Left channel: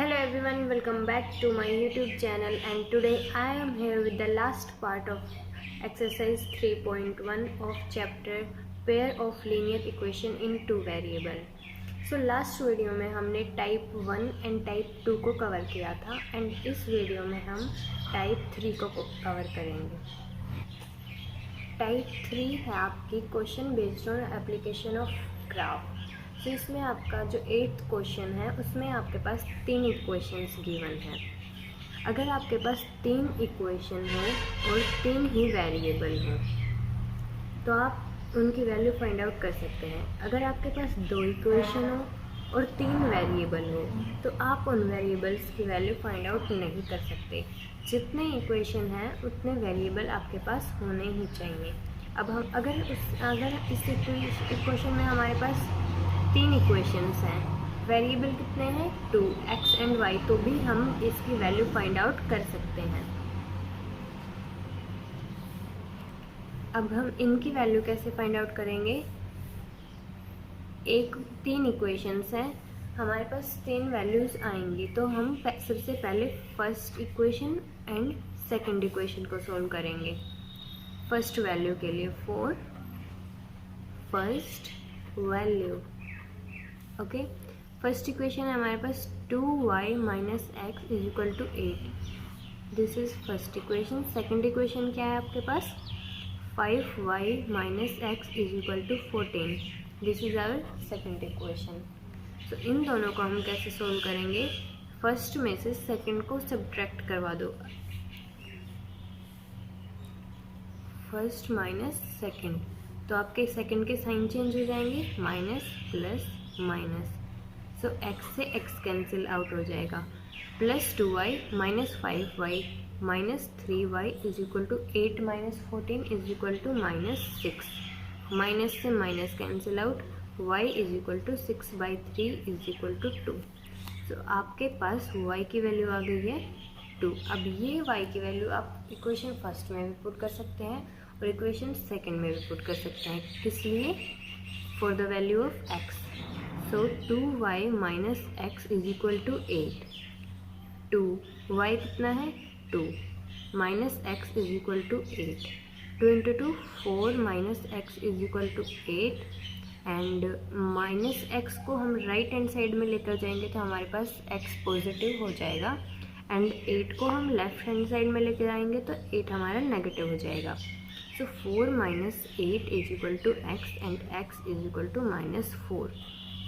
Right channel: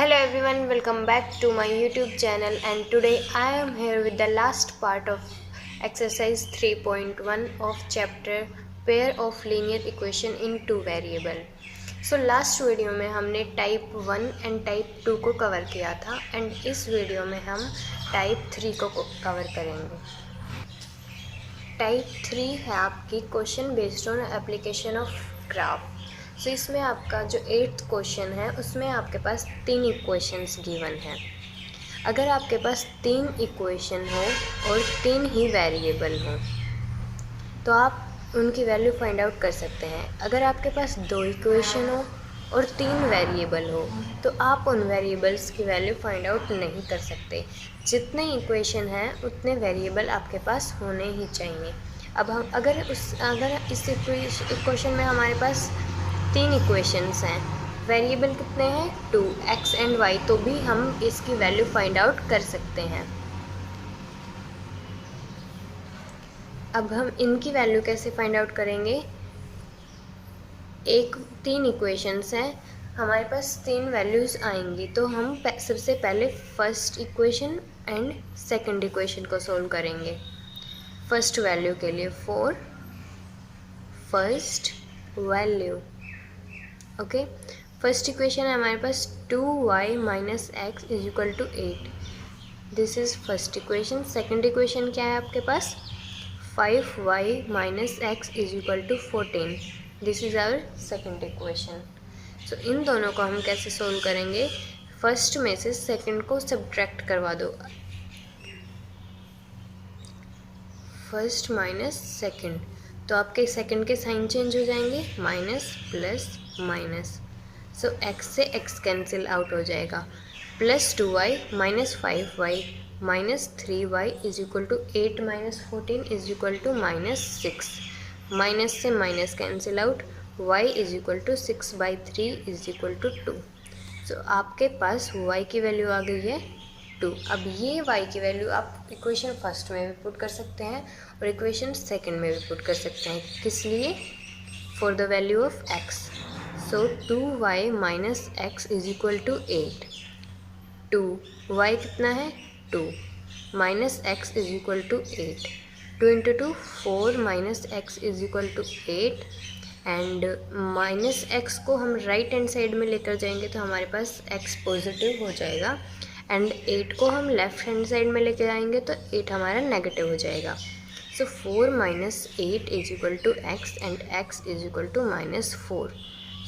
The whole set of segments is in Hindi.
Hello everyone, welcome back to my YouTube channel, and today I am here with the last part of exercise 3.1 of chapter pair of linear equation in two variable. So last video में हमने टाइप 1 एंड टाइप 2 को कवर किया था एंड इस वीडियो में हम टाइप 3 को कवर करेंगे। टाइप 3 है आपकी question based on application of graph. So इसमें आपका जो 8th क्वेश्चन है उसमें आपके पास 3 इक्वेशंस गिवन हैं। अगर आपके पास 3 इक्वेशन हो और 3 ही वेरिएबल हो तो आप उनकी वैल्यू फाइंड आउट कर सकते हैं। अगर आपके पास 2 इक्वेशन हो और 3 वेरिएबल हो तो आप उन वेरिएबल्स की वैल्यू फाइंड आउट नहीं कर सकते। जितने इक्वेशन हैं उतने वेरिएबल आपके पास होने ही चाहिए। अब हम अगर इस इक्वेशन में हमारे पास 3 इक्वेशंस हैं, वेरिएबल कितने हैं 2 x एंड y, तो भी हम इसकी वैल्यू फाइंड आउट कर सकते हैं। अब हम इनकी वैल्यू कैसे फाइंड आउट करेंगे? 3 इक्वेशंस हैं, हमारे पास 3 वैल्यूज़ आएंगी, तो हम सबसे पहले first equation and second equation को सोल्व करेंगे। फर्स्ट वैल्यू के लिए 4 first value. Okay, first equation है हमारे पास 2y minus x is equal to 8। This is first equation. Second equation क्या है आपके पास? 5y minus x is equal to 14। This is our second equation. So इन दोनों को हम कैसे सोल्व करेंगे? फर्स्ट में से सेकंड को सब्ट्रैक्ट करवा दो। फर्स्ट माइनस सेकंड, तो आपके सेकंड के साइन चेंज हो जाएंगे, minus plus minus. So x से x कैंसिल आउट हो जाएगा। Plus 2y minus 5y minus 3y is equal to 8 minus 14 is equal to minus 6। Minus से minus cancel out, y is equal to 6/3 is equal to 2। So आपके पास y की वैल्यू आ गई है 2। अब ये y की वैल्यू आप इक्वेशन फर्स्ट में भी पुट कर सकते हैं और इक्वेशन सेकंड में भी पुट कर सकते हैं। किस लिए? For the value of x। So 2y minus x is equal to 8। 2y कितना है 2 minus x is equal to 8। 2 into 2 4 minus x is equal to 8। And minus x को हम राइट हैंड साइड में लेकर जाएंगे तो हमारे पास x पॉजिटिव हो जाएगा, एंड 8 को हम लेफ्ट हैंड साइड में लेकर आएंगे तो 8 हमारा नेगेटिव हो जाएगा। So 4 minus 8 is equal to x and x is equal to minus 4।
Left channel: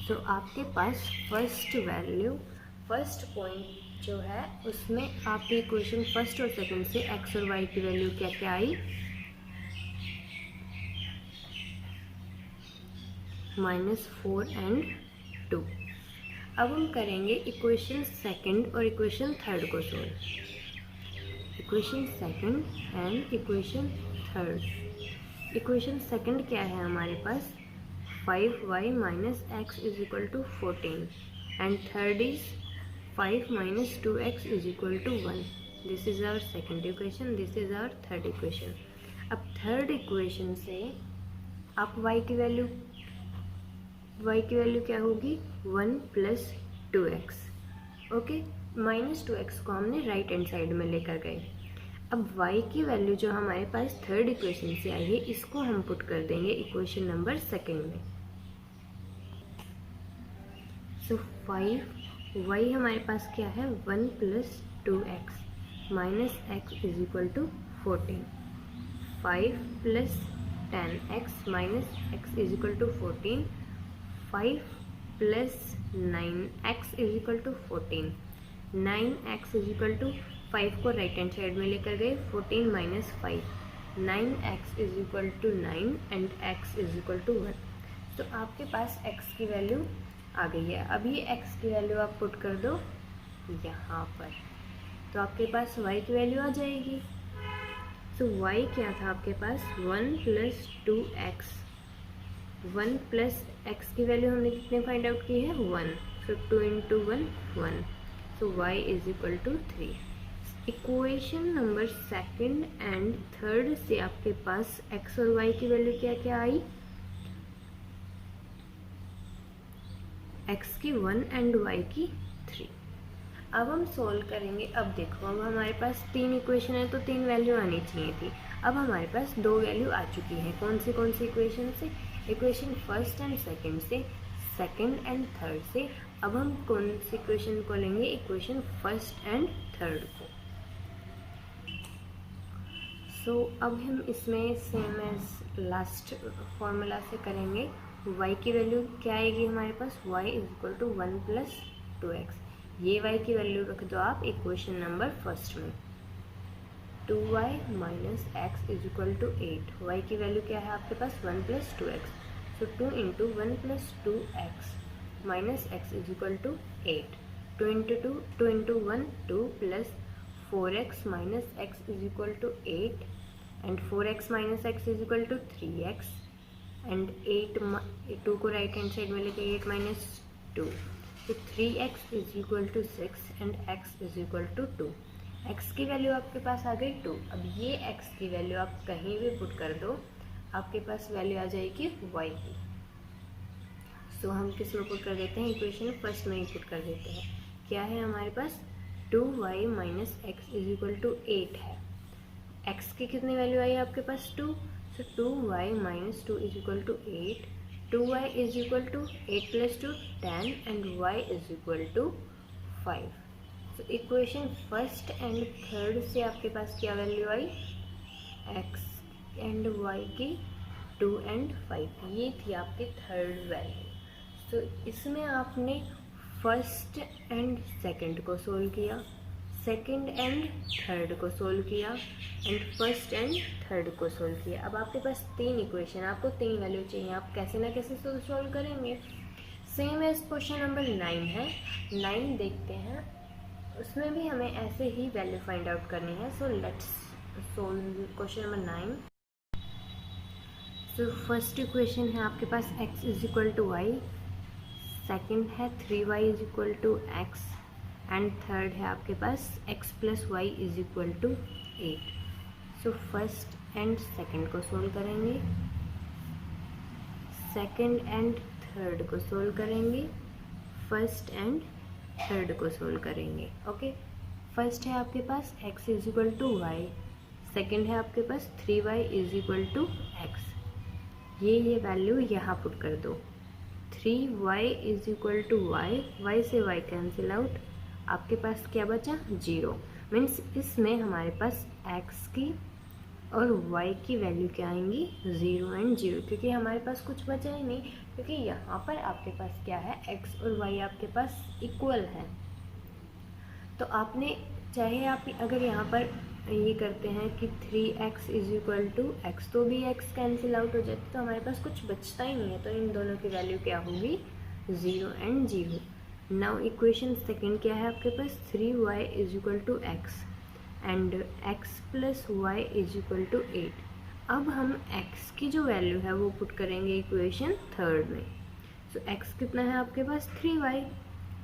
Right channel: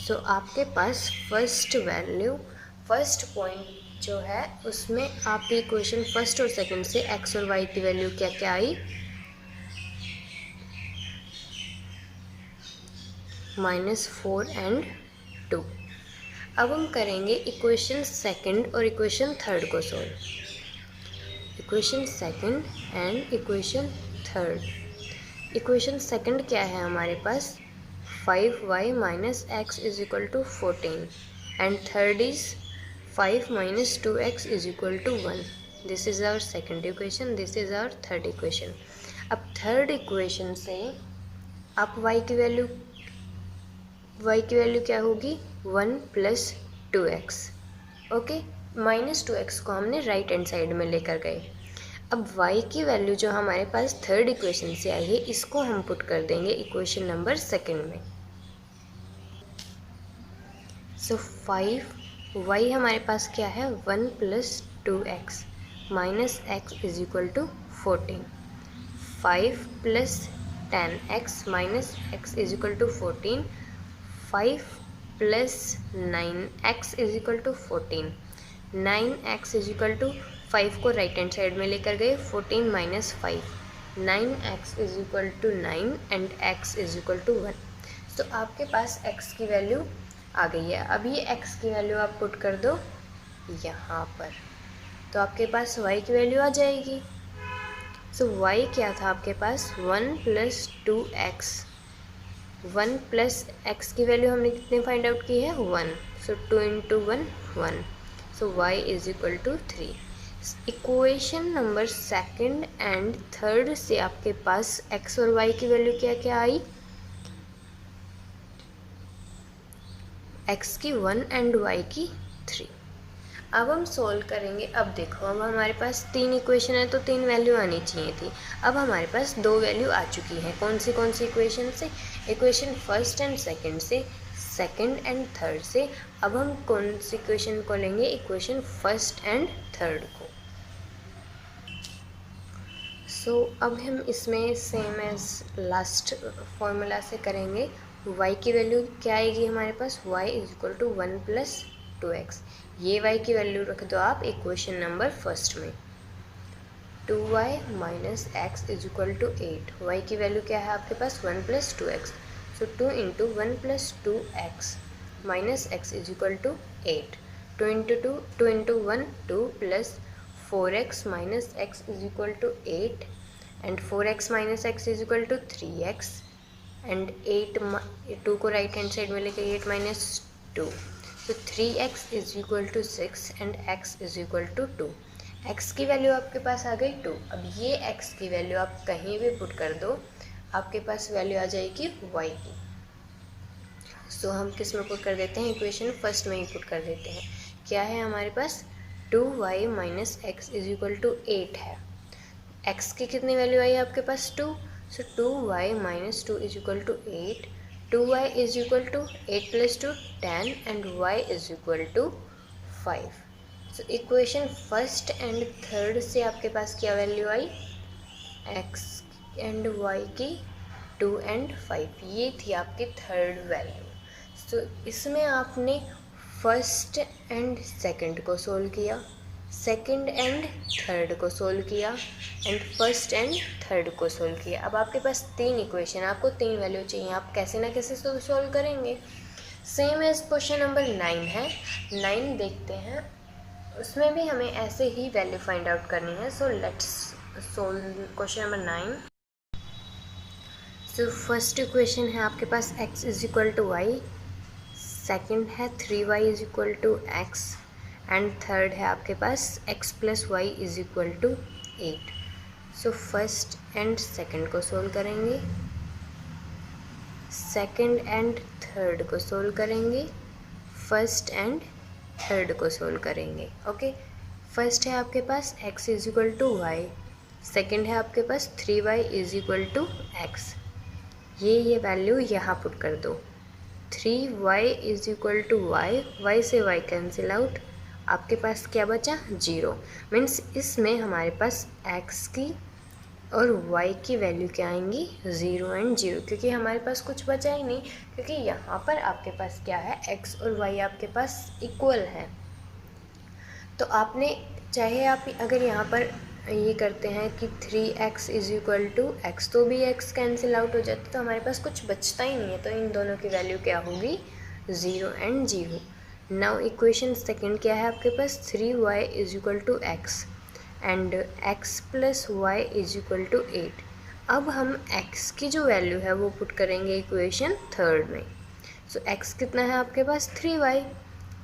So आपके पास फर्स्ट वैल्यू, फर्स्ट पॉइंट जो है उसमें आपकी इक्वेशन फर्स्ट और सेकंड से x और y की वैल्यू क्या क्या आई? -4 एंड 2। अब हम करेंगे इक्वेशन सेकंड और इक्वेशन थर्ड को solve. Equation second and equation third. Equation second क्या है हमारे पास? 5y minus x is equal to 14 and third is 5 minus 2x is equal to 1। This is our second equation, this is our third equation. अब थर्ड इक्वेशन से आप y की वैल्यू क्या होगी? 1 plus 2x। Okay, minus 2x को हमने राइट हैंड साइड में लेकर गए। अब y की वैल्यू जो हमारे पास थर्ड इक्वेशन से आई है इसको हम पुट कर देंगे इक्वेशन नंबर सेकंड में। सो 5y हमारे पास क्या है? 1 plus 2x minus x is equal to 14। 5 plus 10x minus x is equal to 14। 5 plus 9x is equal to 14। 9x is equal to 5 को राइट हैंड साइड में लेकर गए, 14 minus 5, 9x is equal to 9 and x is equal to 1। तो आपके पास x की वैल्यू आ गई है। अब ये x की वैल्यू आप पुट कर दो यहाँ पर, तो आपके पास y की वैल्यू आ जाएगी। सो y क्या था आपके पास? 1 प्लस 2x। 1 प्लस x की वैल्यू हमने कितने फाइंड आउट की है? 1। So 2 into 1 1। So y is equal to 3। Equation number second and third से आपके पास x और y की वैल्यू क्या क्या आई? x की 1 एंड y की 3। अब हम सोल्व करेंगे। अब देखो, अब हमारे पास 3 इक्वेशन है तो 3 वैल्यू आनी चाहिए थी। अब हमारे पास 2 वैल्यू आ चुकी हैं। कौन सी इक्वेशन से? इक्वेशन फर्स्ट एंड सेकंड से, सेकंड एंड थर्ड से। अब हम कौन सी इक्वेशन को लेंगे? इक्वेशन फर्स्ट एंड थर्ड को। सो अब हम इसमें सेम एज लास्ट फॉर्मूला से करेंगे। y की वैल्यू क्या आएगी हमारे पास? y is equal to 1 plus 2x। ये y की वैल्यू रख दो आप इक्वेशन नंबर फर्स्ट में। 2y minus x is equal to 8। y की वैल्यू क्या है आपके पास? 1 plus 2x। So 2 into 1 plus 2x minus x is equal to 8। 2 into 1 2 plus 4x minus x is equal to 8 and 4x minus x is equal to 3x and 2 को राइट हैंड साइड में लेके 8 माइनस 2। तो 3x is equal to 6 and x is equal to 2। x की वैल्यू आपके पास आ गई 2। अब ये x की वैल्यू आप कहीं भी पुट कर दो, आपके पास वैल्यू आ जाएगी y की। सो हम किस में पुट कर देते हैं? इक्वेशन फर्स्ट में ही पुट कर देते हैं। क्या है हमारे पास? 2y minus x is equal to 8 है। x की कितनी वैल्यू आई आपके पास? 2। So 2y minus 2 is equal to 8। 2y is equal to 8 plus 2 10 and y is equal to 5। So equation first and third से आपके पास क्या वैल्यू आई? x एंड y की 2 एंड 5। ये थी आपकी थर्ड वैल्यू। सो इसमें आपने फर्स्ट एंड सेकंड को सोल्व किया, सेकंड एंड थर्ड को सोल्व किया एंड फर्स्ट एंड थर्ड को सोल्व किया। अब आपके पास 3 इक्वेशन, आपको 3 वैल्यू चाहिए। आप कैसे ना कैसे तो सोल्व करेंगे। सेम एज क्वेश्चन नंबर 9 है। 9 देखते हैं, उसमें भी हमें ऐसे ही वैल्यू फाइंड आउट करनी है। So let's solve question number 9। So first equation है आपके पास x is equal to y, second है 3y is equal to x and third है आपके पास x plus y is equal to 8। So first and second को सोल्व करेंगे, सेकेंड एंड थर्ड को सोल्व करेंगे, फर्स्ट एंड थर्ड को सोल्व करेंगे। ओके, फर्स्ट है आपके पास x is equal to y, second है आपके पास 3y is equal to x. ये वैल्यू यहाँ पुट कर दो। 3y is equal to y, y से y कैंसिल आउट, आपके पास क्या बचा? 0। मीन्स इसमें हमारे पास x की और y की वैल्यू क्या आएंगी? 0 एंड 0, क्योंकि हमारे पास कुछ बचा ही नहीं, क्योंकि यहाँ पर आपके पास क्या है? x और y आपके पास इक्वल है। तो आपने चाहे आप अगर यहाँ पर ये करते हैं कि 3x is equal to x, तो भी x कैंसिल आउट हो जाता है, तो हमारे पास कुछ बचता ही नहीं है। तो इन दोनों की वैल्यू क्या होगी? 0 एंड 0। नाउ इक्वेशन सेकंड क्या है आपके पास? 3y is equal to x and x plus y is equal to 8। अब हम x की जो वैल्यू है वो पुट करेंगे इक्वेशन थर्ड में। सो x कितना है आपके पास?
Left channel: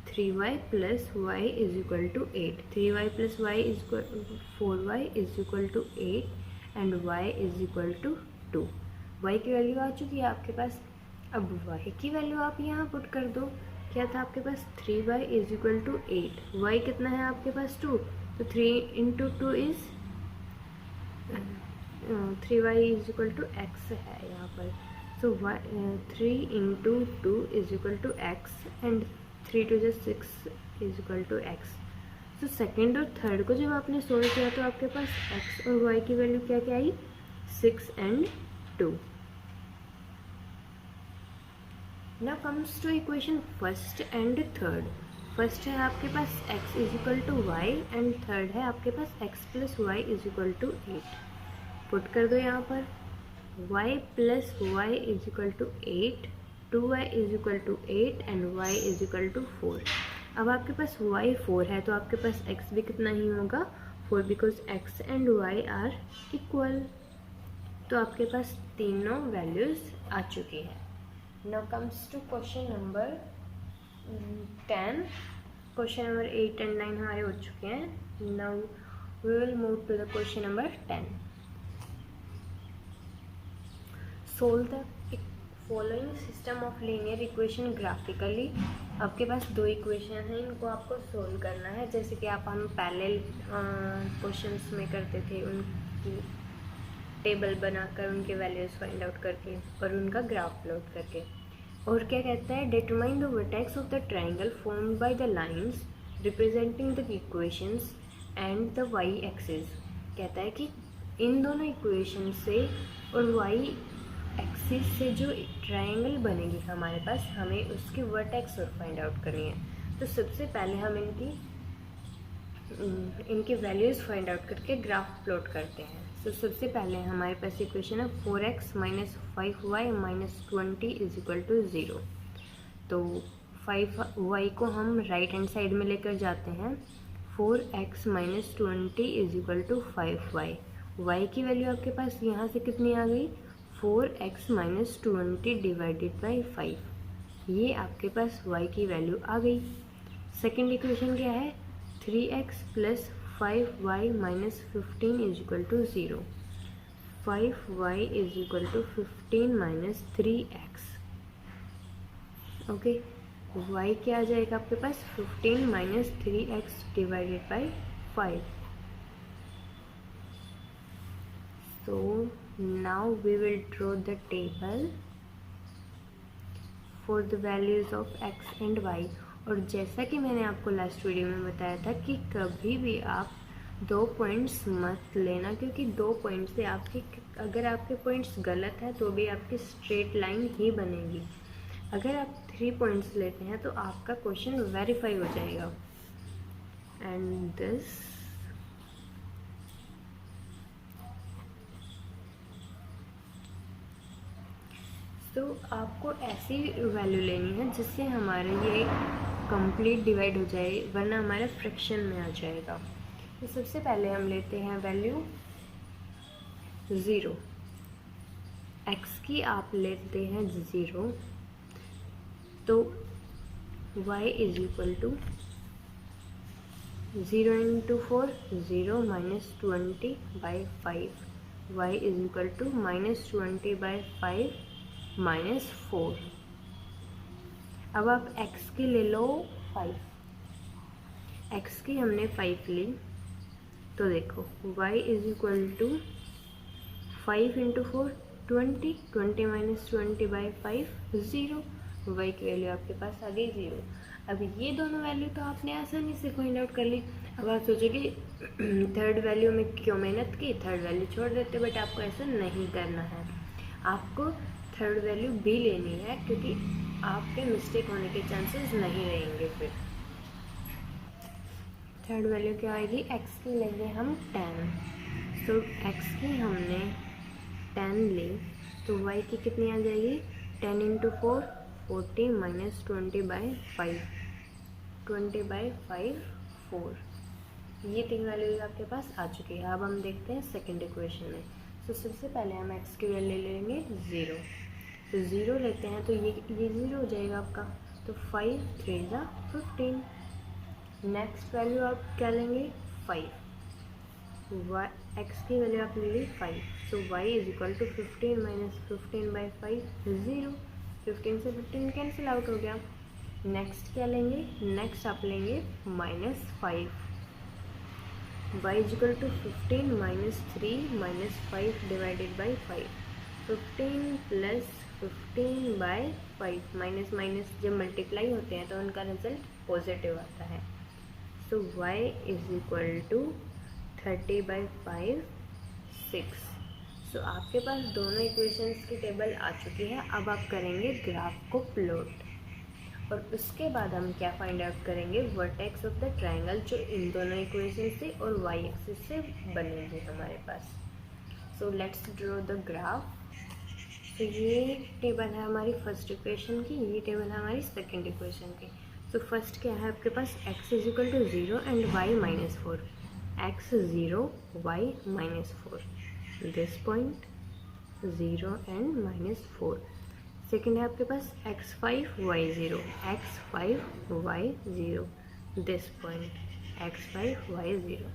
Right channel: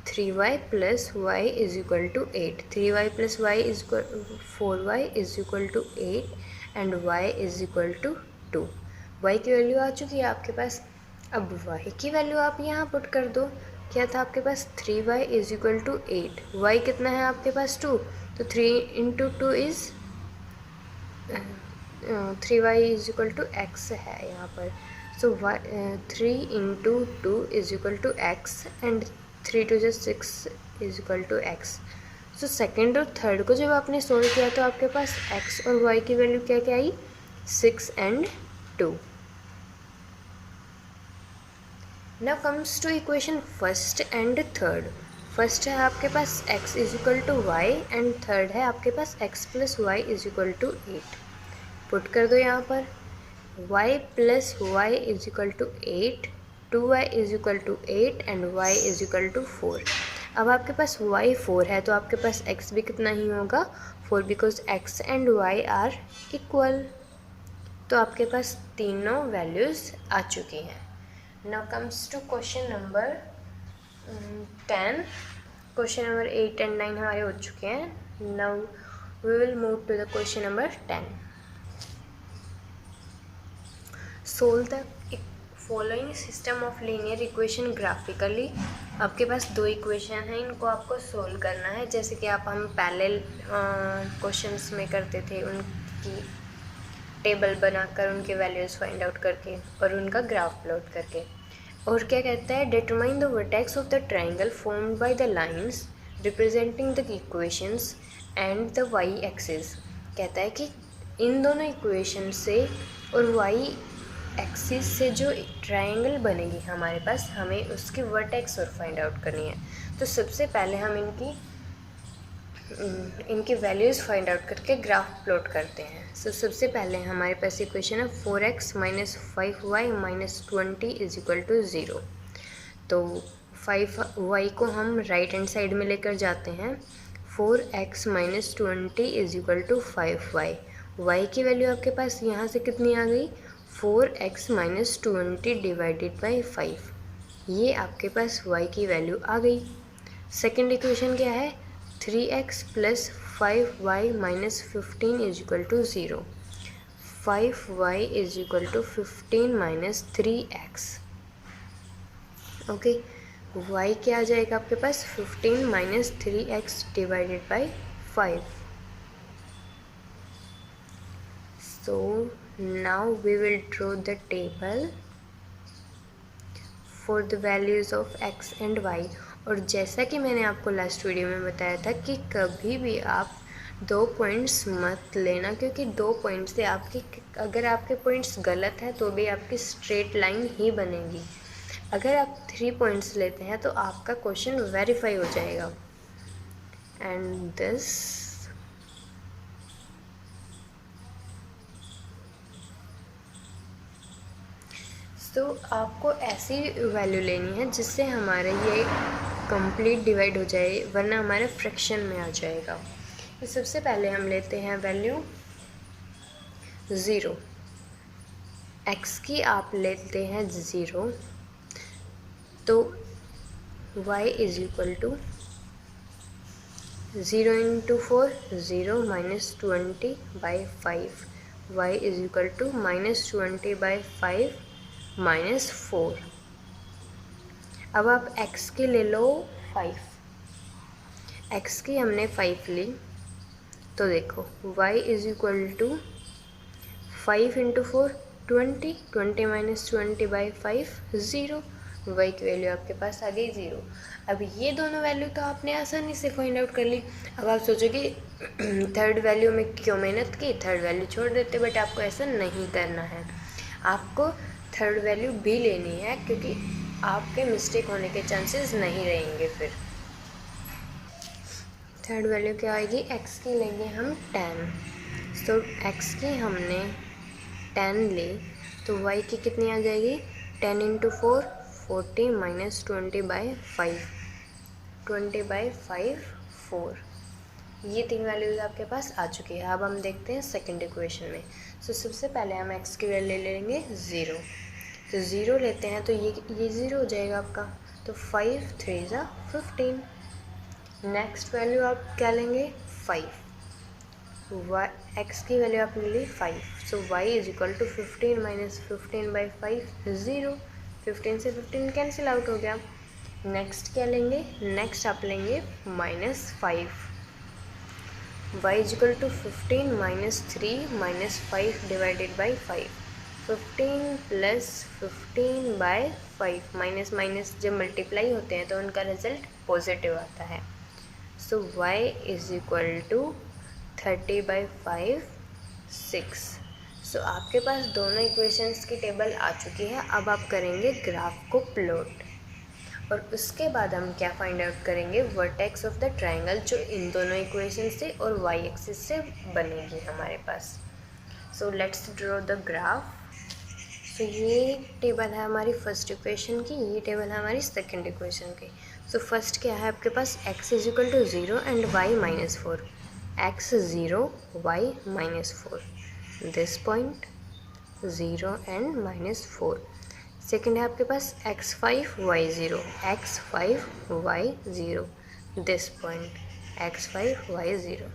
3y plus y is equal to 8। 3y plus y is equal 4y is equal to 8 and y is equal to 2। y की वैल्यू आ चुकी है आपके पास। अब y की वैल्यू आप यहाँ पुट कर दो। क्या था आपके पास? 3y is equal to 8। y कितना है आपके पास? 2। तो 3 into 2 is 3y is equal to x है यहाँ पर। So 3 into 2 is equal to x and 3 two 6 is equal to x. सो सेकेंड और थर्ड को जब आपने सोल्व किया तो आपके पास x और y की वैल्यू क्या क्या आई? 6 and 2। Now comes to equation first and third. First है आपके पास x is equal to y and third है आपके पास x plus y is equal to 8। Put कर दो यहाँ पर y plus y is equal to 8, 2y is equal to 8 and y is equal to 4। अब आपके पास y 4 है तो आपके पास x भी कितना ही होगा? 4, because x and y are equal. तो आपके पास तीनों वैल्यूज़ आ चुकी हैं। Now comes to question number 10। Question number 8 and 9 हमारे हो चुके हैं। Now we will move to the question number 10। Solve the following system of linear equation graphically. आपके पास दो इक्वेशन हैं, इनको आपको सोल्व करना है, जैसे कि हम पैरेलल क्वेश्चंस में करते थे, उनकी टेबल बनाकर उनके वैल्यूज़ फाइंड आउट करके और उनका ग्राफ प्लॉट करके। और क्या कहता है, determine the vertex of the triangle formed by the lines representing the equations and the y axis. कहता है कि इन दोनों इक्वेशन से और वाई एक्सिस से जो ट्राइंगल बनेगी हमारे पास, हमें उसकी वर्टेक्स और फाइंड आउट करनी है। तो सबसे पहले हम इनकी वैल्यूज़ फाइंड आउट करके ग्राफ प्लॉट करते हैं। सो सबसे पहले हमारे पास इक्वेशन है 4x minus 5y minus 20 is equal to 0। तो 5y को हम राइट हैंड साइड में लेकर जाते हैं। 4x minus 20 is equal to 5y। y की वैल्यू आपके पास यहाँ से कितनी आ गई, 4x माइनस 20 डिवाइडेड बाई 5। ये आपके पास y की वैल्यू आ गई। सेकेंड इक्वेशन क्या है, 3x plus 5y minus 15 is equal to 0। 5y is equal to 15 minus 3x। Okay, y क्या आ जाएगा आपके पास, 15 minus 3x divided by 5। So now we will draw the table for the values of x and y। और जैसा कि मैंने आपको लास्ट वीडियो में बताया था कि कभी भी आप 2 पॉइंट्स मत लेना, क्योंकि 2 पॉइंट से अगर आपके पॉइंट्स गलत हैं तो भी आपकी स्ट्रेट लाइन ही बनेगी। अगर आप 3 पॉइंट्स लेते हैं तो आपका क्वेश्चन वेरीफाई हो जाएगा। एंड दिस तो आपको ऐसी वैल्यू लेनी है जिससे हमारा ये कंप्लीट डिवाइड हो जाए, वरना हमारा फ्रैक्शन में आ जाएगा। तो सबसे पहले हम लेते हैं वैल्यू 0। x की आप लेते हैं 0, तो y is equal to 0 into 4 0 minus 20 by 5। y is equal to minus 20 by 5 minus 4। अब आप x की ले लो 5। x की हमने 5 ली, तो देखो y is equal to 5 into 4 20, 20 minus 20 by 5 0। y की वैल्यू आपके पास आ गई 0। अब ये दोनों वैल्यू तो आपने आसानी से फाइंड आउट कर ली। अब आप सोचोगे थर्ड वैल्यू में क्यों मेहनत की, थर्ड वैल्यू छोड़ देते, बट आपको ऐसा नहीं करना है। आपको थर्ड वैल्यू भी लेनी है, क्योंकि आपके मिस्टेक होने के चांसेस नहीं रहेंगे। फिर थर्ड वैल्यू क्या आएगी, x की लेंगे हम 10। तो x की हमने 10 ली, तो y की कितनी आ जाएगी, 10 इंटू 4 40 माइनस 20 बाई 5, 20 बाई 5 4। ये 3 वैल्यूज आपके पास आ चुकी है। अब हम देखते हैं सेकंड इक्वेशन में। सो सबसे पहले हम x की वैल्यू ले लेंगे 0। तो 0 लेते हैं तो ये 0 हो जाएगा आपका। तो 5 3 ज़ा 15। नेक्स्ट वैल्यू आप क्या लेंगे, 5। x की वैल्यू आपने ली 5। So y is equal to 15 minus 15 by 5 0। 15 से 15 कैंसिल आउट हो गया। नेक्स्ट क्या लेंगे, नेक्स्ट आप लेंगे minus 5। y is equal to 15 minus 3 minus 5 divided by 5। 15 plus 15 by 5। Minus minus जब मल्टीप्लाई होते हैं तो उनका रिजल्ट पॉजिटिव आता है। So y is equal to 30 by 5 6। सो आपके पास दोनों इक्वेशंस की टेबल आ चुकी है। अब आप करेंगे ग्राफ को प्लॉट, और उसके बाद हम क्या फाइंड आउट करेंगे, वर्टेक्स ऑफ द ट्राइंगल जो इन दोनों इक्वेशन से और y एक्सिस से बनेगी हमारे पास। So let's draw the graph. तो ये टेबल है हमारी फर्स्ट इक्वेशन की, ये टेबल है हमारी सेकंड इक्वेशन की। सो फर्स्ट क्या है आपके पास, x is equal to 0 and y minus 4। x 0 y minus 4, this point 0 and minus 4। Second है आपके पास x5 y0, x5 y0, this point x5 y0।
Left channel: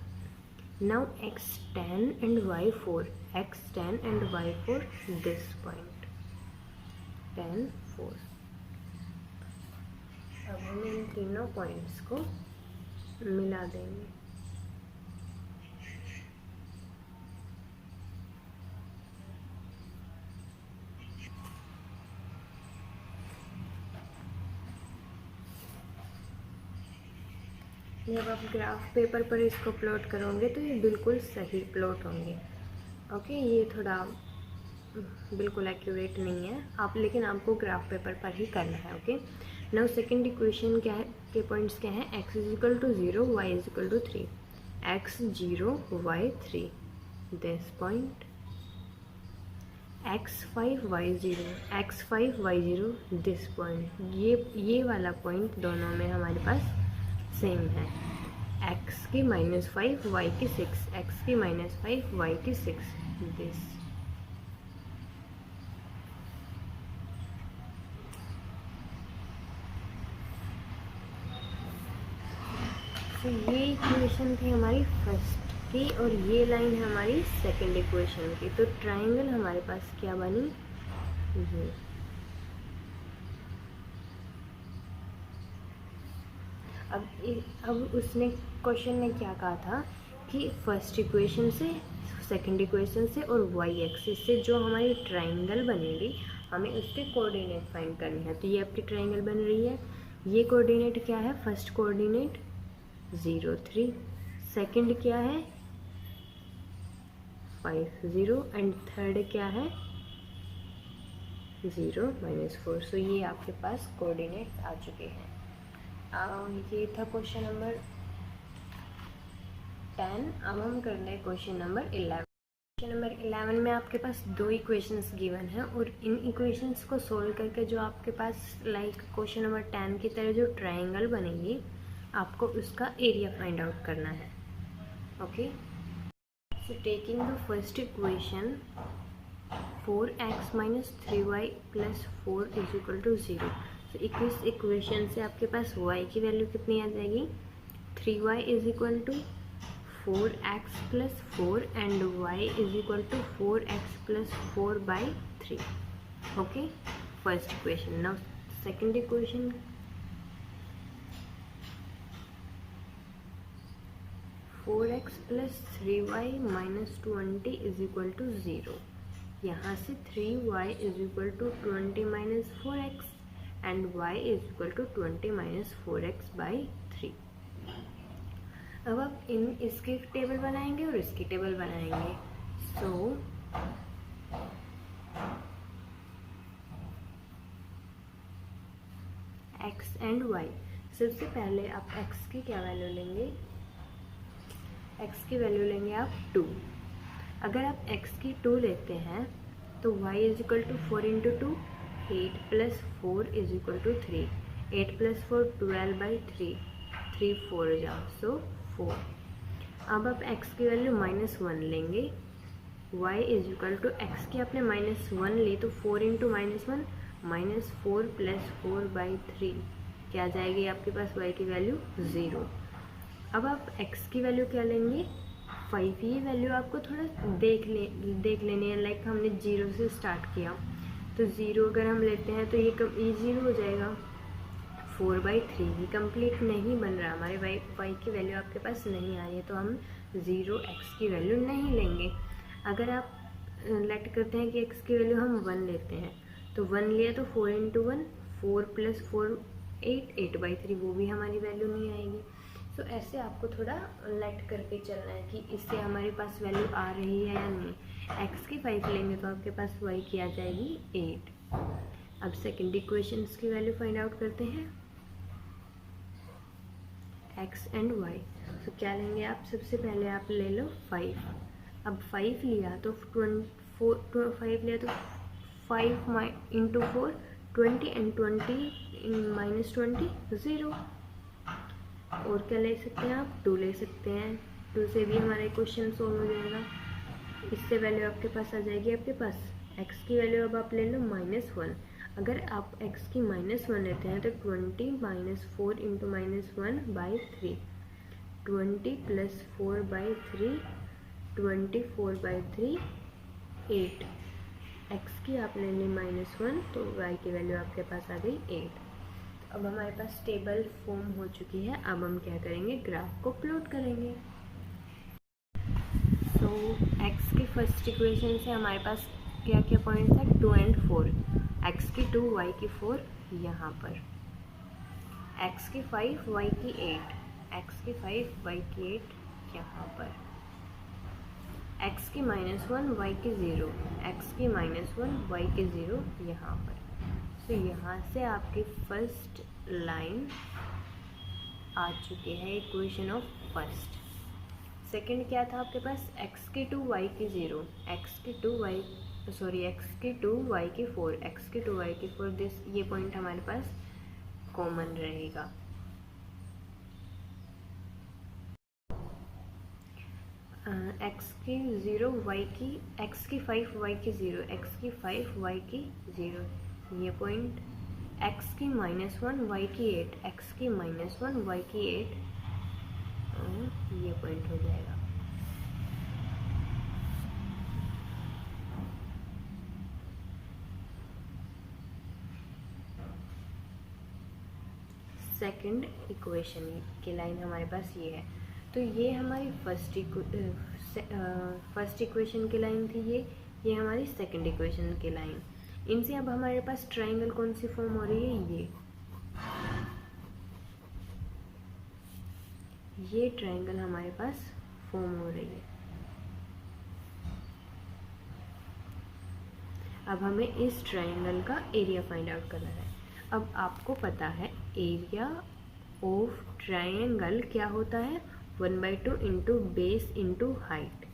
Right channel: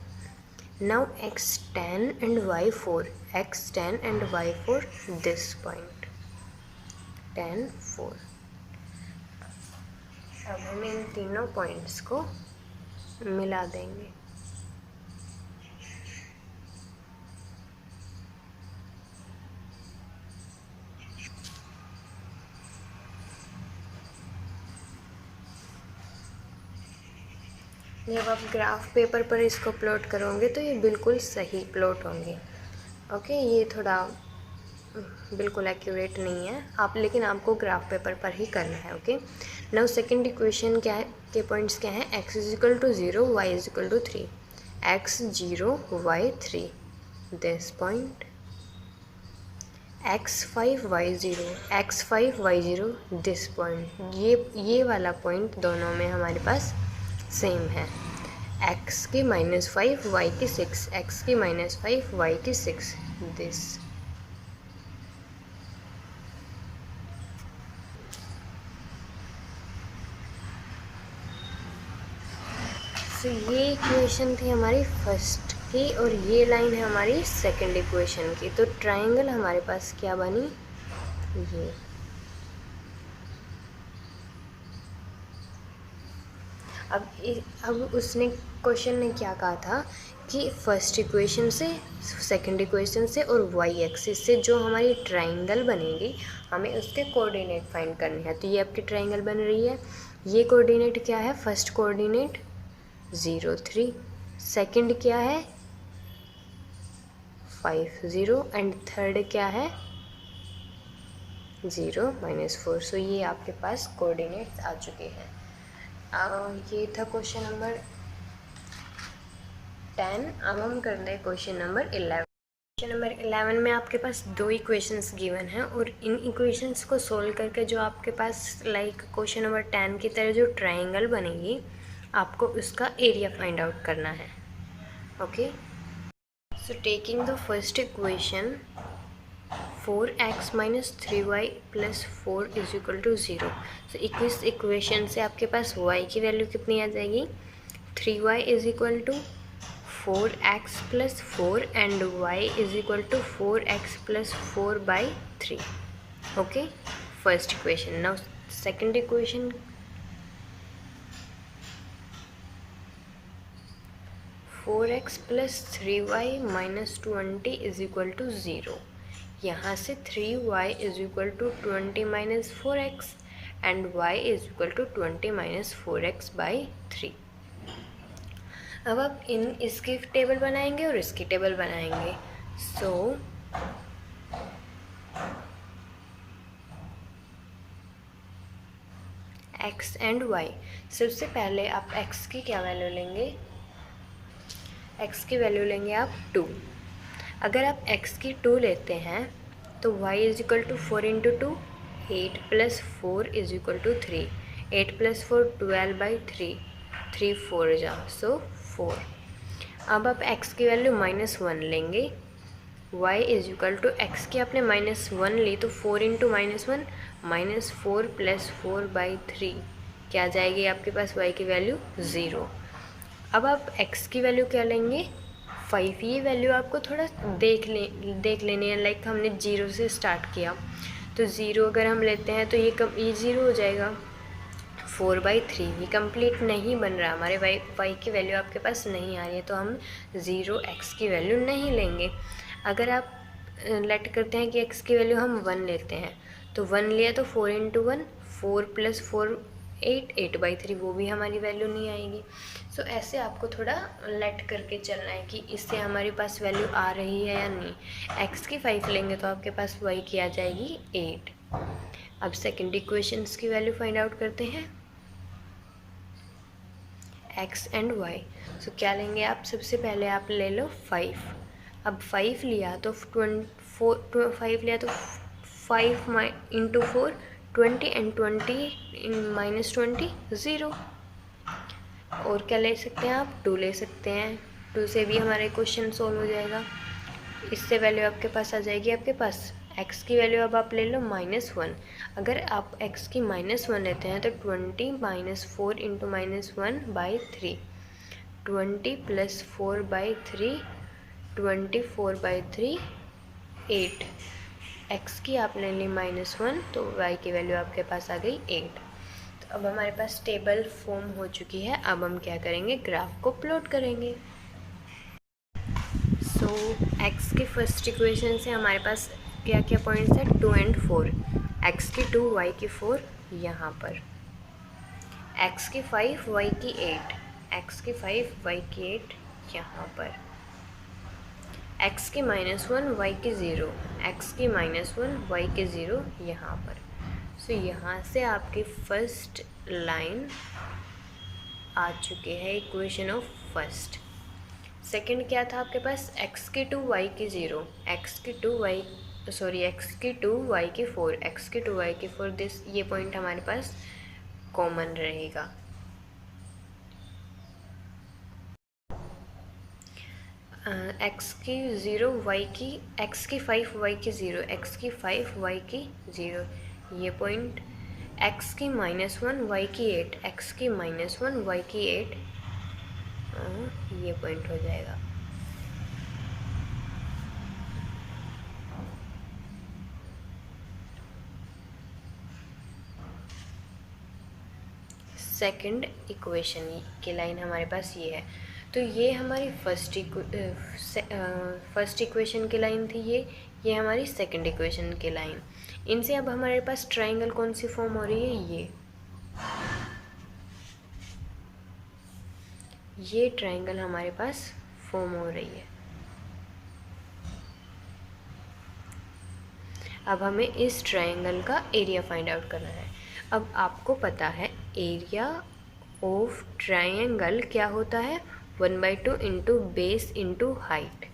Now x10 and y4, x10 and y4, this point. tan 4। अब हम इन तीनों पॉइंट्स को मिला देंगे। जब आप ग्राफ पेपर पर इसको प्लॉट करोगे तो ये बिल्कुल सही प्लॉट होंगे। ओके, ये थोड़ा बिल्कुल एक्यूरेट नहीं है आप, लेकिन आपको ग्राफ पेपर पर ही करना है। ओके, नाउ सेकंड इक्वेशन क्या है, के पॉइंट्स क्या है, x is equal to 0, y is equal to 3, x 0 y 3, this point x 5 y 0, x 5 y 0, this point. ये वाला पॉइंट दोनों में हमारे पास सेम है, x की -5 y की 6, x की -5 y की 6, दिस। तो ये इक्वेशन थी हमारी फर्स्ट की और ये लाइन है हमारी सेकंड इक्वेशन की। तो ट्रायंगल हमारे पास क्या बनी, ये। अब उसने क्वेश्चन ने क्या कहा था कि फर्स्ट इक्वेशन से, सेकंड इक्वेशन से और वाई एक्सिस से जो हमारी ट्रायंगल बनेगी हमें उसके कोऑर्डिनेट फाइंड करने हैं। तो ये आपकी ट्रायंगल बन रही है। ये कोऑर्डिनेट क्या है, फर्स्ट कोऑर्डिनेट 0 3, सेकंड क्या है 5 0 एंड थर्ड क्या है 0 -4। सो ये आपके पास कोऑर्डिनेट्स आ चुके हैं। ये था क्वेश्चन नंबर 10। अब हम कर दें क्वेश्चन नंबर 11। क्वेश्चन नंबर 11 में आपके पास दो इक्वेशंस गिवन हैं और इन इक्वेशंस को सोल्व करके जो आपके पास लाइक क्वेश्चन नंबर 10 की तरह जो ट्रायंगल बनेगी आपको उसका एरिया फाइंड आउट करना है। Okay, so taking the first equation 4x - 3y + 4 is equal to 0। सो इस इक्वेशन से आपके पास y की वैल्यू कितनी आ जाएगी, 3y is equal to 4x + 4 and y is equal to 4x + 4/3। Okay, first equation. Now second equation, 4x + 3y - 20 is equal to 0। यहाँ से 3y is equal to 20 - 4x and y is equal to 20 - 4x/3। अब आप इसकी टेबल बनाएंगे और इसकी टेबल बनाएंगे। सो x एंड y, सबसे पहले आप x की क्या वैल्यू लेंगे, x की वैल्यू लेंगे आप 2। अगर आप x की 2 लेते हैं तो y is equal to 4 × 2, 8 + 4 is equal to 3, 8 + 4 12/3, 3 4 जा, सो 4। अब आप x की वैल्यू -1 लेंगे, y is equal to x की आपने -1 ली तो 4 × -1 -4 + 4/3 क्या आ जाएगी आपके पास y की वैल्यू 0। अब आप x की वैल्यू क्या लेंगे 5। ये वैल्यू आपको थोड़ा देख लेनी है, लाइक हमने 0 से स्टार्ट किया तो 0 अगर हम लेते हैं तो ये 0 हो जाएगा। 4/3 ये कंप्लीट नहीं बन रहा, हमारे y की वैल्यू आपके पास नहीं आ रही है तो हम 0x की वैल्यू नहीं लेंगे। अगर आप लेट करते हैं कि x की वैल्यू हम 1 लेते हैं तो 1 लिया तो 4 × 1, 4 + 4 8, 8/3, वो भी हमारी वैल्यू नहीं आएगी। सो ऐसे आपको थोड़ा लेट करके चलना है कि इससे हमारे पास वैल्यू आ रही है या नहीं। x की 5 लेंगे तो आपके पास y की आ जाएगी 8। अब सेकंड इक्वेशंस की वैल्यू फाइंड आउट करते हैं, x एंड y। सो क्या लेंगे आप, सबसे पहले आप ले लो 5। अब 5 लिया तो 5 लिया तो 5 × 4 20 एंड 20 - 20 0। और क्या ले सकते हैं आप, 2 ले सकते हैं, 2 से भी हमारा क्वेश्चन सोल्व हो जाएगा। इससे वैल्यू आपके पास आ जाएगी, आपके पास x की वैल्यू अब आप ले लो -1। अगर आप x की -1 लेते हैं तो 20 - 4 × -1/3, 20 + 4/3, 24/3 8। x की आपने ली -1 तो y की वैल्यू आपके पास आ गई 8। तो अब हमारे पास टेबल फॉर्म हो चुकी है। अब हम क्या करेंगे, ग्राफ को प्लॉट करेंगे। सो x की फर्स्ट इक्वेशन से हमारे पास क्या क्या पॉइंट्स है, 2 और 4। x की 2 y की 4 यहाँ पर, x की 5 y की 8, x की 5 y की 8 यहाँ पर, x की -1 y की 0, x की -1 y की 0 यहाँ पर। सो यहाँ से आपकी फर्स्ट लाइन आ चुकी है, इक्वेशन ऑफ फर्स्ट। सेकंड क्या था आपके पास, x की 2 y की 0, x की 2 y की 4, x की 2 y की 4, दिस ये पॉइंट हमारे पास कॉमन रहेगा। x की 0 y की, x की 5 y की 0, x की 5 y की 0, ये पॉइंट, x की -1 y की 8, x की -1 y की 8, ये पॉइंट हो जाएगा। सेकंड इक्वेशन की लाइन हमारे पास ये है। तो ये हमारी फर्स्ट इक्वेशन की लाइन थी, ये हमारी सेकंड इक्वेशन की लाइन। इनसे अब हमारे पास ट्राइंगल कौन सी फॉर्म हो रही है, ये ट्राइंगल हमारे पास फॉर्म हो रही है। अब हमें इस ट्राइंगल का एरिया फाइंड आउट करना है। अब आपको पता है एरिया ऑफ ट्राइंगल क्या होता है, 1/2 इंटू बेस इंटू हाइट।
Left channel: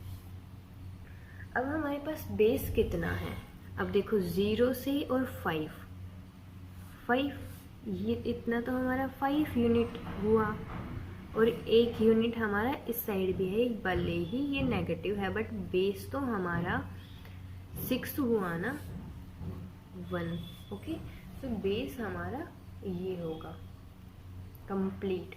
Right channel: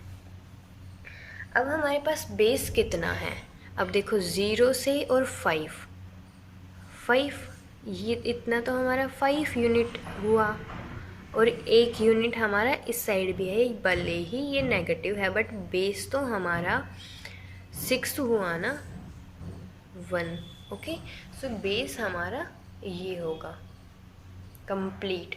अब हमारे पास बेस कितना है, अब देखो 0 से और 5, ये इतना तो हमारा 5 यूनिट हुआ, और 1 यूनिट हमारा इस साइड भी है, भले ही ये नेगेटिव है बट बेस तो हमारा 6 हुआ ना, 1। ओके, सो बेस हमारा ये होगा कंप्लीट।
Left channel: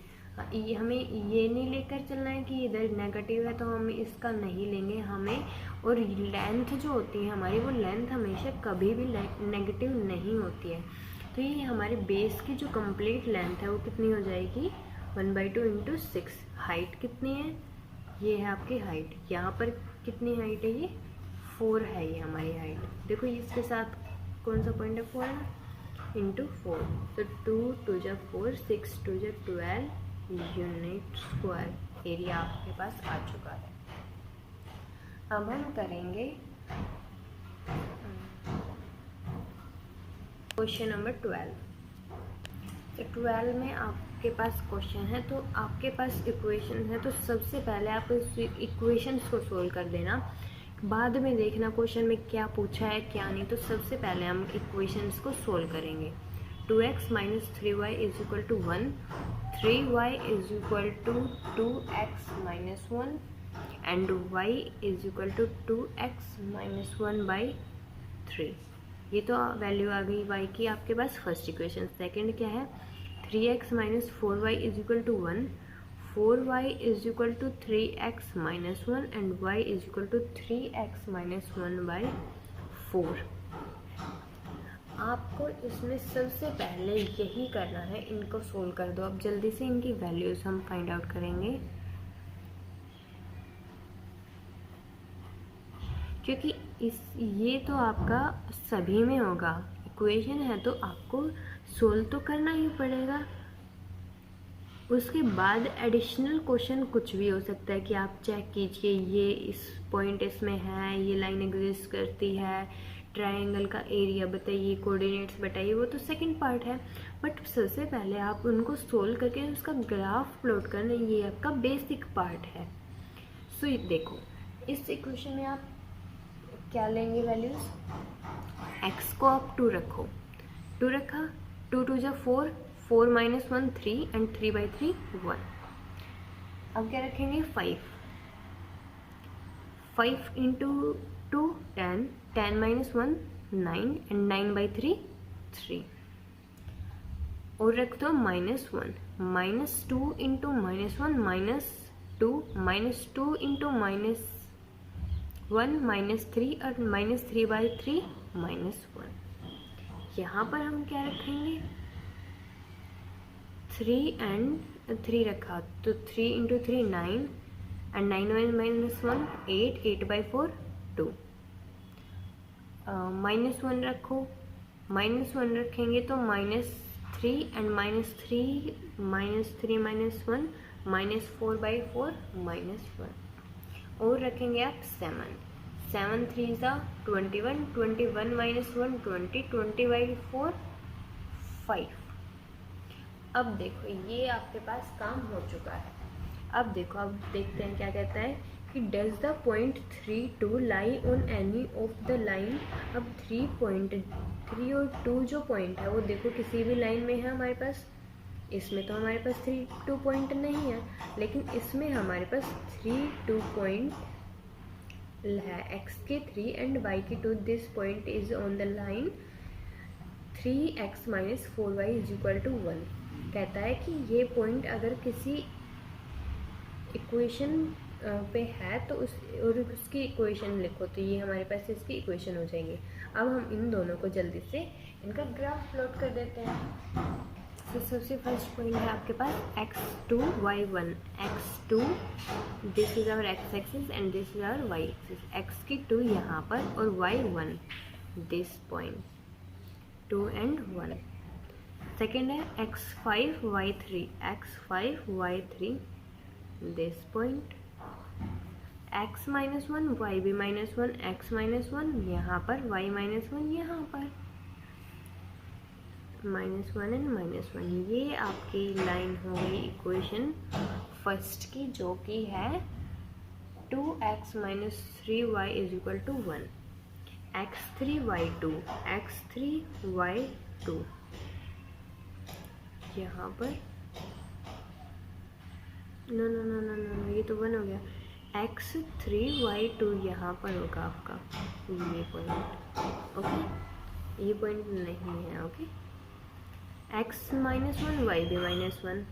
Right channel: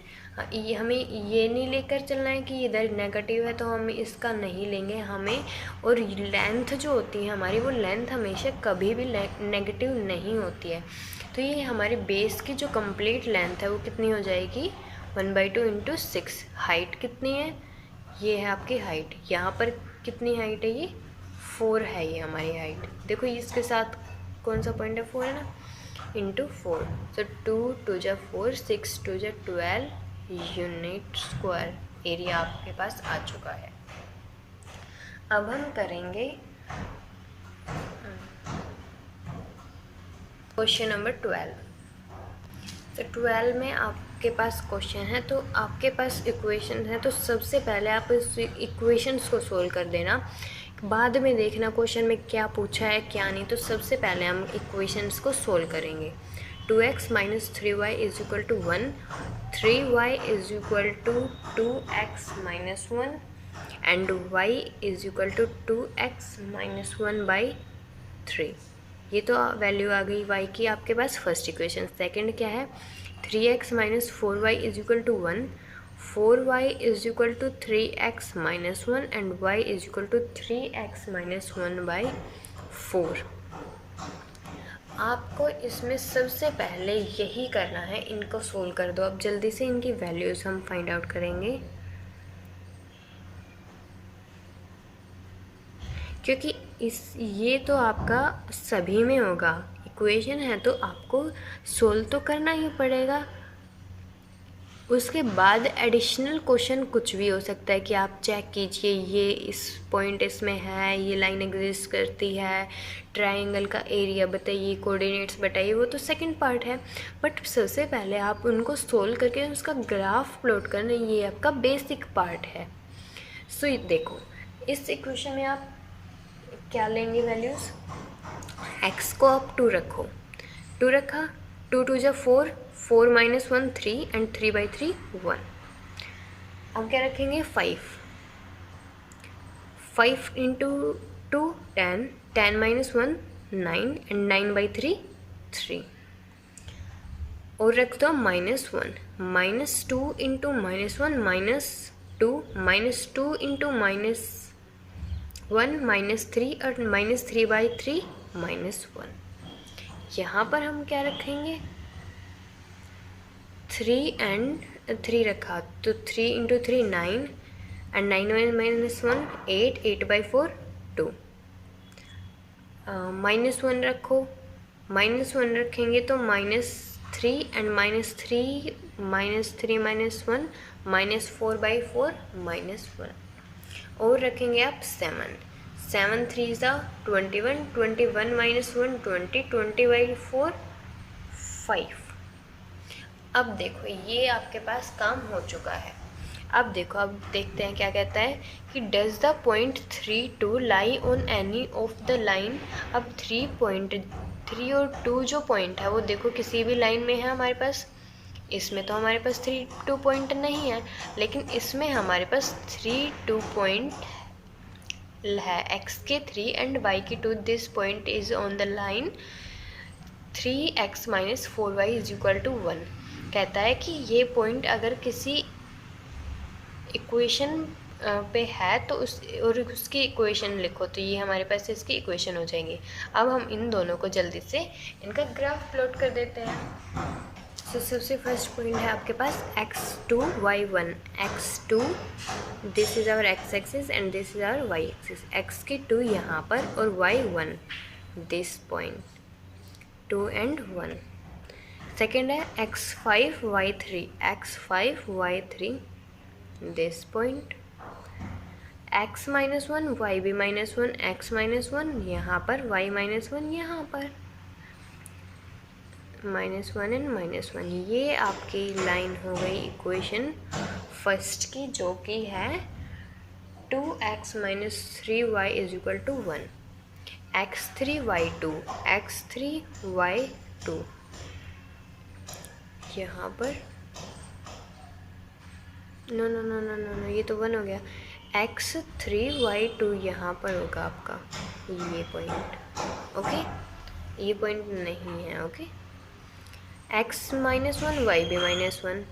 ये हमें ये नहीं लेकर चलना है कि इधर नेगेटिव है तो हम इसका नहीं लेंगे हमें। और लेंथ जो होती है हमारी, वो लेंथ हमेशा कभी भी नेगेटिव नहीं होती है। तो ये हमारी बेस की जो कंप्लीट लेंथ है वो कितनी हो जाएगी, 1/2 इंटू 6। हाइट कितनी है, ये है आपकी हाइट। यहाँ पर कितनी हाइट है, ये 4 है, ये हमारी हाइट। देखो इसके साथ कौन सा पॉइंट है, 4 है ना, इंटू 4। सो 2 2 जा 4, 6 2 जा 12 यूनिट स्क्वायर एरिया आपके पास आ चुका है। अब हम करेंगे क्वेश्चन नंबर 12। तो 12 में आपके पास क्वेश्चन है, तो आपके पास इक्वेशन है, तो सबसे पहले आप इस इक्वेशंस को सोल्व कर देना, बाद में देखना क्वेश्चन में क्या पूछा है क्या नहीं। तो सबसे पहले हम इक्वेशंस को सोल्व करेंगे। 2x - 3y = 1, 3y = 2x - 1 and y = 2x - 1/3। ये तो वैल्यू आ गई y की आपके पास फर्स्ट इक्वेशन। सेकंड क्या है, 3x - 4y = 1, 4y = 3x - 1 and y = 3x - 1/4। आपको इसमें सबसे पहले यही करना है, इनको सोल्व कर दो। अब जल्दी से इनकी वैल्यूज़ हम फाइंड आउट करेंगे, क्योंकि ये तो आपका सभी में होगा, इक्वेशन है तो आपको सोल्व तो करना ही पड़ेगा। उसके बाद एडिशनल क्वेश्चन कुछ भी हो सकता है कि आप चेक कीजिए ये इस पॉइंट इसमें है, ये लाइन एग्जिस्ट करती है, ट्रायंगल का एरिया बताइए, कोऑर्डिनेट्स बताइए, वो तो सेकंड पार्ट है। बट सबसे पहले आप उनको सोल्व करके उसका ग्राफ प्लॉट करना, ये आपका बेसिक पार्ट है। सो देखो इस इक्वेशन में आप क्या लेंगे वैल्यूज़, एक्स को आप 2 रखो, 2 रखा, 2 2 जा 4, 4 - 1 3 एंड 3/3 1। अब क्या रखेंगे, 5 इंटू 2 10, 10 - 1 9 एंड 9/3 3। और रख दो -1, -2 इंटू -1 -2, -2 इंटू -1 -3 और -3/3 -1। यहाँ पर हम क्या रखेंगे, 3 and 3 रखा तो 3 × 3 9 एंड 9 -1 8, 8/4 2। -1 रखो, -1 रखेंगे तो -3 एंड -3 -3 -1 -4/4 -1। और रखेंगे आप 7, 7 3 21, 21 -1 20, 20/4 5। अब देखो ये आपके पास काम हो चुका है। अब देखो, अब देखते हैं क्या कहता है कि does the point 3 2 lie on any of the line. अब 3 और 2 जो पॉइंट है वो देखो किसी भी लाइन में है हमारे पास। इसमें तो हमारे पास 3 2 पॉइंट नहीं है, लेकिन इसमें हमारे पास 3 2 पॉइंट है, x के 3 एंड y के 2। This point is on the line 3x - 4y = 1। कहता है कि ये पॉइंट अगर किसी इक्वेशन पे है तो उसकी इक्वेशन लिखो, तो ये हमारे पास इसकी इक्वेशन हो जाएंगी। अब हम इन दोनों को जल्दी से इनका ग्राफ प्लॉट कर देते हैं। तो सबसे फर्स्ट पॉइंट है आपके पास x2 y1। x2 this is our x axis and this is our y axis. x की 2 यहाँ पर और y1 this point 2 and 1। Second है x5 y3, x5 y3 this point. x - 1 y भी -1, x - 1 यहाँ पर, y - 1 यहाँ पर, -1 and -1। ये आपकी लाइन हो गई इक्वेशन फर्स्ट की, जो कि है 2x - 3y = 1। x3 y2, x3 y2 यहाँ पर, नो ये तो 1 हो गया। x3 y2 यहाँ पर होगा आपका ये पॉइंट, ओके। ये पॉइंट नहीं है, ओके। x - 1 y भी -1,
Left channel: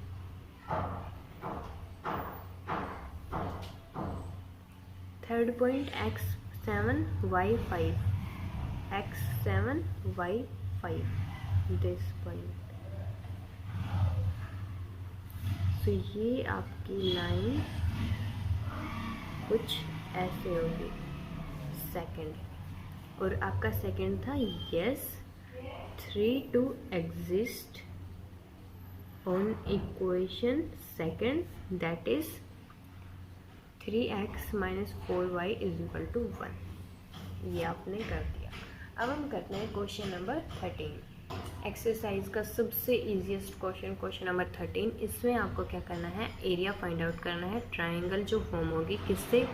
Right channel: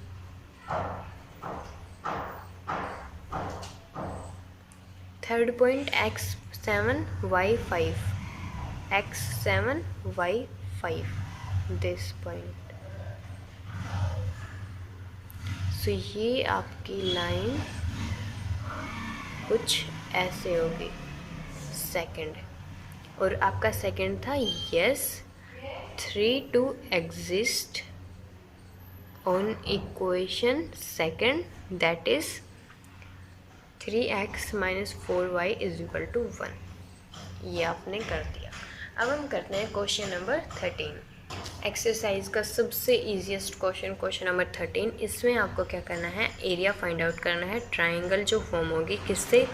third point x7 y5, x7 y5 this point. So ये आपकी लाइन कुछ ऐसे होगी सेकंड। और आपका सेकंड था yes 3 2 exist on equation second, that is 3x - 4y = 1। ये आपने कर दिया। अब हम करते हैं क्वेश्चन नंबर 13, एक्सरसाइज का सबसे इजीएस्ट क्वेश्चन, क्वेश्चन नंबर 13। इसमें आपको क्या करना है, एरिया फाइंड आउट करना है ट्राइंगल जो फॉर्म होगी किससे,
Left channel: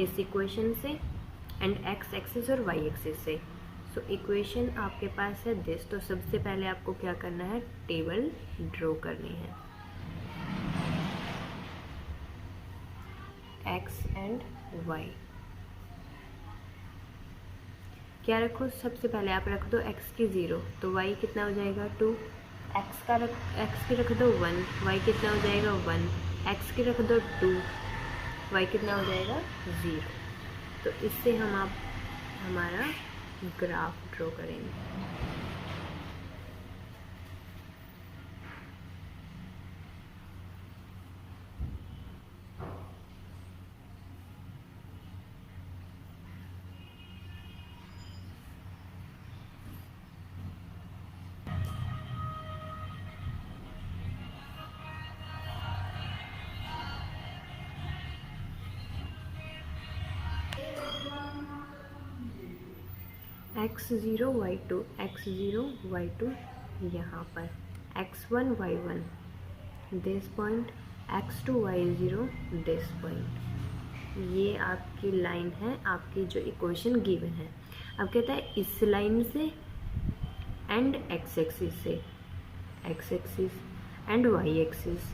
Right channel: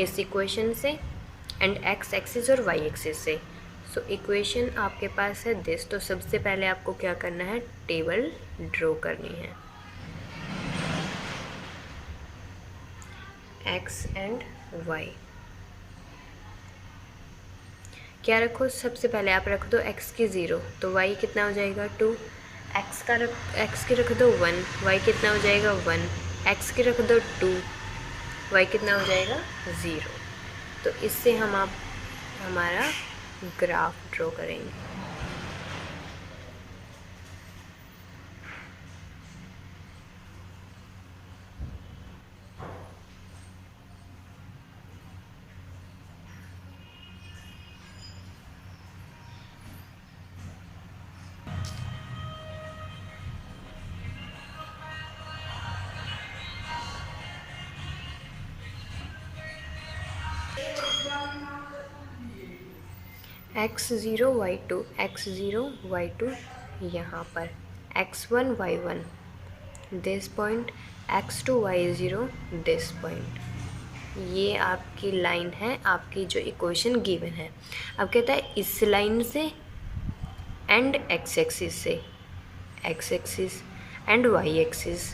इस इक्वेशन से एंड x एक्सिस और y एक्सिस से। सो इक्वेशन आपके पास है दिस। तो सबसे पहले आपको क्या करना है, टेबल ड्रॉ करनी है, x एंड y। क्या रखो, सबसे पहले आप रख दो x की 0, तो y कितना हो जाएगा 2, x की रख दो 1, y कितना हो जाएगा 1, x की रख दो 2, y कितना हो जाएगा 0। तो इससे हम आप हमारा ग्राफ ड्रॉ करेंगे। x0 y2, x0 y2 यहाँ पर, x1 y1 this point, x2 y0 this point. ये आपकी लाइन है, आपकी जो इक्वेशन गिवन है। अब कहता है इस लाइन से एंड x एक्सिस से, x axis and y axis,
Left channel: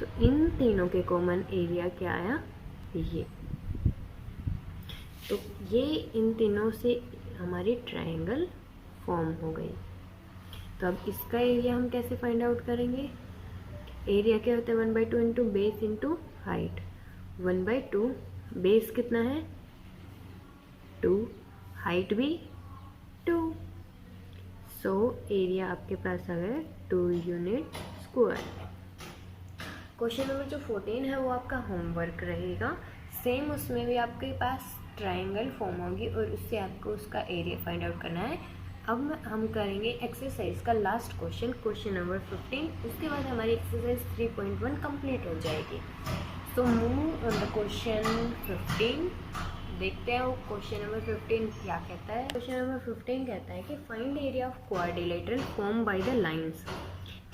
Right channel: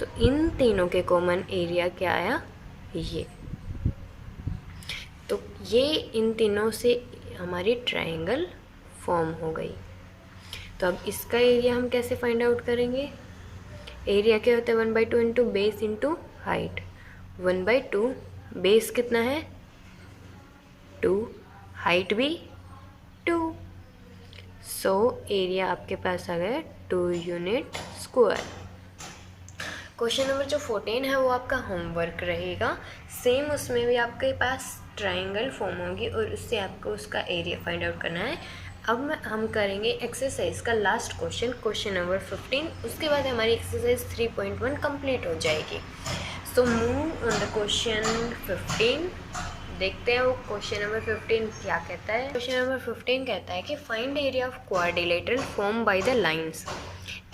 तो इन तीनों के कॉमन एरिया क्या आया, ये। तो ये इन तीनों से हमारी ट्रायंगल फॉर्म हो गई। तो अब इसका एरिया हम कैसे फाइंड आउट करेंगे, एरिया क्या होता है 1/2 into base into height. 1/2 base कितना है 2, हाइट भी 2, सो एरिया आपके पास आ गया 2 यूनिट स्क्वायर। क्वेश्चन नंबर जो 14 है वो आपका होमवर्क रहेगा। सेम उसमें भी आपके पास ट्राइंगल फॉर्म होगी और उससे आपको उसका एरिया फाइंड आउट करना है। अब हम करेंगे एक्सरसाइज का लास्ट क्वेश्चन, क्वेश्चन नंबर 15। उसके बाद हमारी एक्सरसाइज 3.1 कंप्लीट हो जाएगी। So move on the question 15। देखते हैं वो क्वेश्चन नंबर 15 क्या कहता है। क्वेश्चन नंबर 15 कहता है कि find area of quadrilateral form by the lines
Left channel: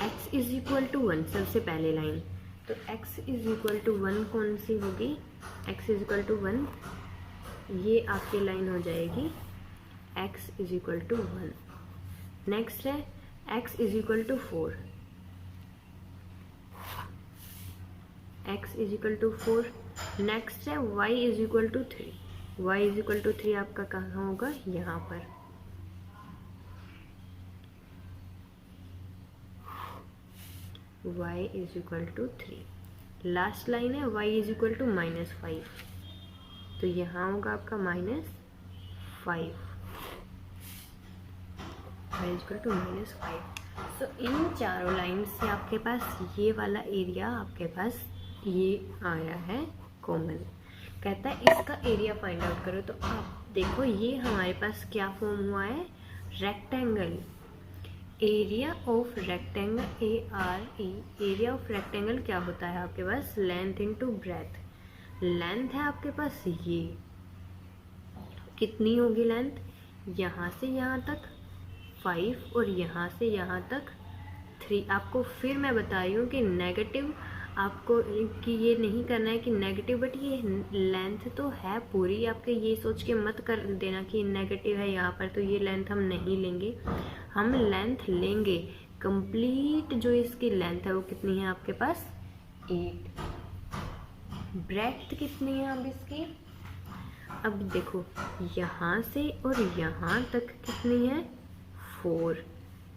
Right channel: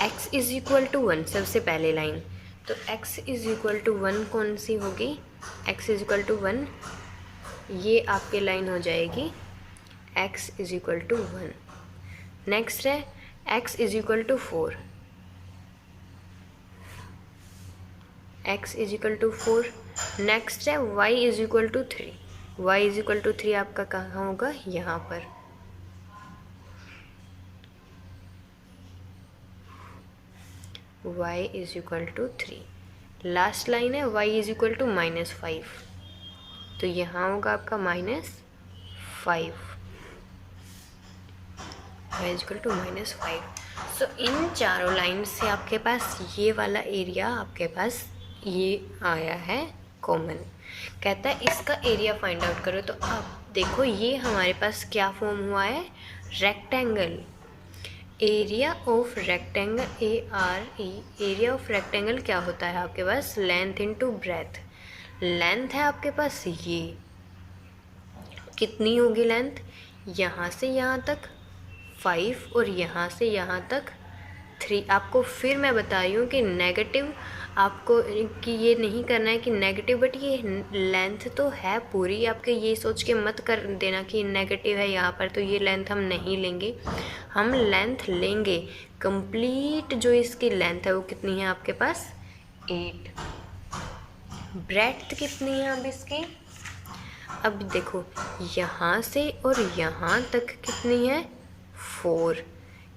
x is equal to 1। सबसे पहले लाइन तो x इज इक्वल टू 1 कौन सी होगी, x इज इक्वल टू 1, ये आपकी लाइन हो जाएगी x is equal to 1। Next है x is equal to 4, x is equal to 4। Next है y is equal to 3, y is equal to 3 आपका कहाँ होगा, यहाँ पर। y is equal to 3। Last line है y इज इक्वल टू -5, तो यहाँ होगा आपका -5, y is equal to -5। So इन चारों लाइन से आपके पास ये वाला एरिया आपके पास ये आया है कॉमन। कहता है इसका एरिया फाइंड आउट करो। तो आप देखो ये हमारे पास क्या फॉर्म हुआ है, rectangle. Area of rectangle ARE, area of rectangle क्या होता है आपके पास, लेंथ इनटू ब्रेथ। लेंथ है आपके पास ये कितनी होगी लेंथ, यहाँ से यहाँ तक 5 और यहाँ से यहाँ तक 3। आपको फिर मैं बता रही हूँ कि नेगेटिव आपको कि ये नहीं करना है कि नेगेटिव, बट ये लेंथ तो है पूरी। आपके ये सोच के मत कर देना कि नेगेटिव है यहाँ पर, तो ये लेंथ हम नहीं लेंगे। हम लेंथ लेंगे कंप्लीट, जो इसकी लेंथ है वो कितनी है आपके पास 8। ब्रेड्थ कितनी है अब इसकी, अब देखो यहाँ से और यहाँ तक कितनी है 4,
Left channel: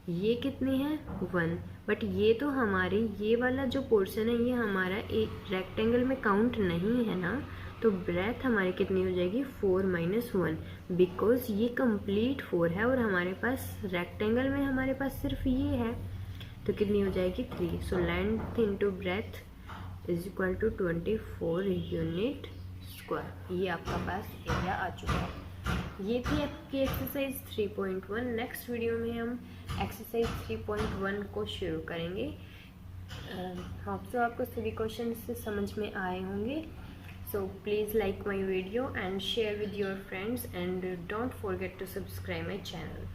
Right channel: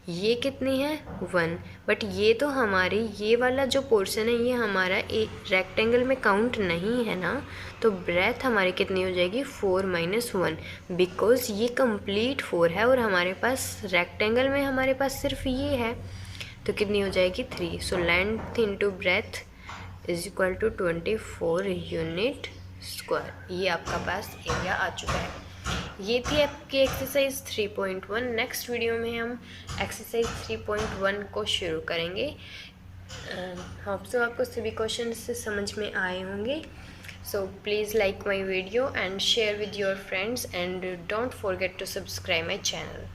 ये कितनी है 1। बट ये तो हमारी ये वाला जो पोर्शन है ये हमारा एक रेक्टेंगल में काउंट नहीं है ना, तो ब्रेथ हमारी कितनी हो जाएगी 4 - 1, बिकॉज ये कंप्लीट 4 है और हमारे पास रेक्टेंगल में हमारे पास सिर्फ ये है, तो कितनी हो जाएगी 3। So length into breadth is equal to 24 unit square. ये आपका पास एरिया आ चुका है। ये थी आपकी एक्सरसाइज 3.1। नेक्स्ट वीडियो में हम एक्सरसाइज 3.1 को शुरू करेंगे। होप सो आपको सभी क्वेश्चन से समझ में आए होंगे। So please like my video and share with your friends and don't forget to subscribe my channel.